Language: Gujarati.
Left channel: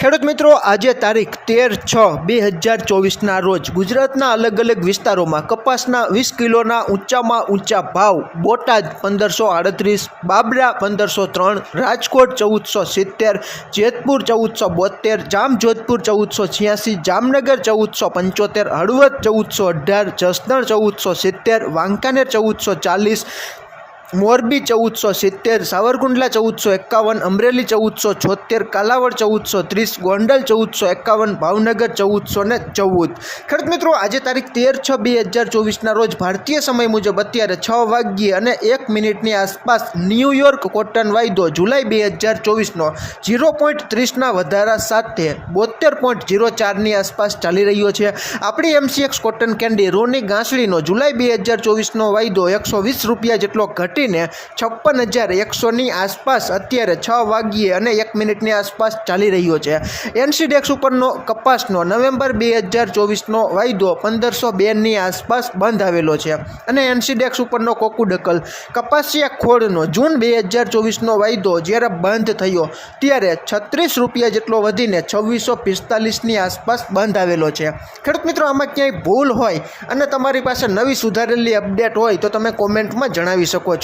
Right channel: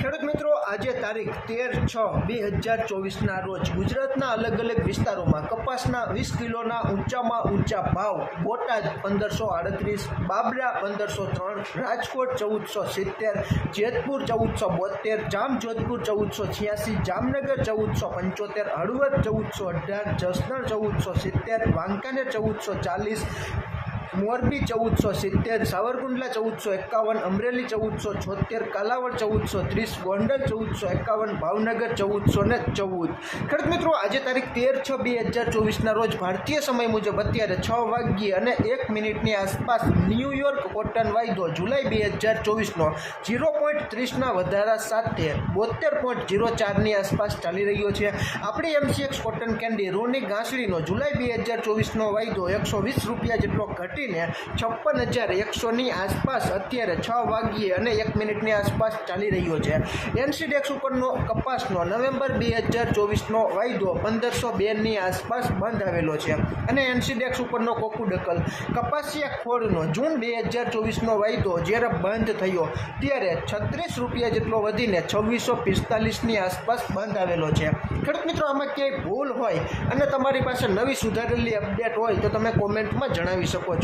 ખેડૂત મિત્રો, આજે તારીખ તેર છ બે હજાર ચોવીસના રોજ ગુજરાતના અલગ અલગ વિસ્તારોમાં કપાસના વીસ કિલોના ઊંચામાં ઊંચા ભાવ, બોટાદ પંદરસો આડત્રીસ, બાબરા પંદરસો ત્રણ, રાજકોટ ચૌદસો સિત્તેર, જેતપુર ચૌદસો બોતેર જામજોધપુર ચૌદસો છ્યાસી, જામનગર ચૌદસો પંચોતેર, હળવદ ચૌદસો અઢાર, જસદણ ચૌદસો સિત્તેર, વાંકાનેર ચૌદસો ચાલીસ મોરબી ચૌદસો સિત્તેર, સાવરકુંડલા ચૌદસો એકાવન, અમરેલી ચૌદસો છોતેર કાલાવડ ચૌદસો ત્રીસ, ગોંડલ ચૌદસો એકાવન, ભાવનગર ચૌદસો ને ચૌદ. ખેડૂત મિત્રો, આજે તારીખ તેર છ બે હજાર ચોવીસના રોજ ભારતીય સમય મુજબ અત્યારે છ વાગ્યે અને એક મિનિટની આસપાસ ન્યૂયોર્ક કોટન વાયદો જુલાઈ બે હજાર ચોવીસનો ઝીરો પોઈન્ટ ત્રીસના વધારા સાથે બોતેર પોઈન્ટ ઝીરો ચારની આસપાસ ચાલી રહ્યો છે. આપણી એમસીએક્સ કોટન કેન્ડી રોની ગાંસડીનો જુલાઈ બે હજાર ચોવીસનો વાયદો એકસો વીસ રૂપિયા જેટલો ઘટીને છપ્પન હજાર એકસોની આસપાસ અત્યારે છ વાગ્યે અને એક મિનિટની આસપાસ ચાલી રહ્યો છે. એનસીડેક્સ ઉપરનો કપાસનો નવેમ્બર બે હજાર ચોવીસનો વાયદો પંદરસો બેની આસપાસ બંધ આવેલો છે અને એનસીડેક્સ ઉપરનો કોકુડકલ કપાસિયા ખોળનો જૂન બે હજાર ચોવીસનો વાયદો જ્યારે બંધ થયો ત્યારે છત્રીસ રૂપિયા જેટલો વધીને છવ્વીસો પિસ્તાલીસની આસપાસ બંધ આવેલો છે. ખેડૂત મિત્રો, આમાં ક્યાંય ભૂલ હોય અને તમારી પાસે નવી સુધારેલી અપડેટ હોય તો તમે કોમેન્ટમાં જણાવી શકો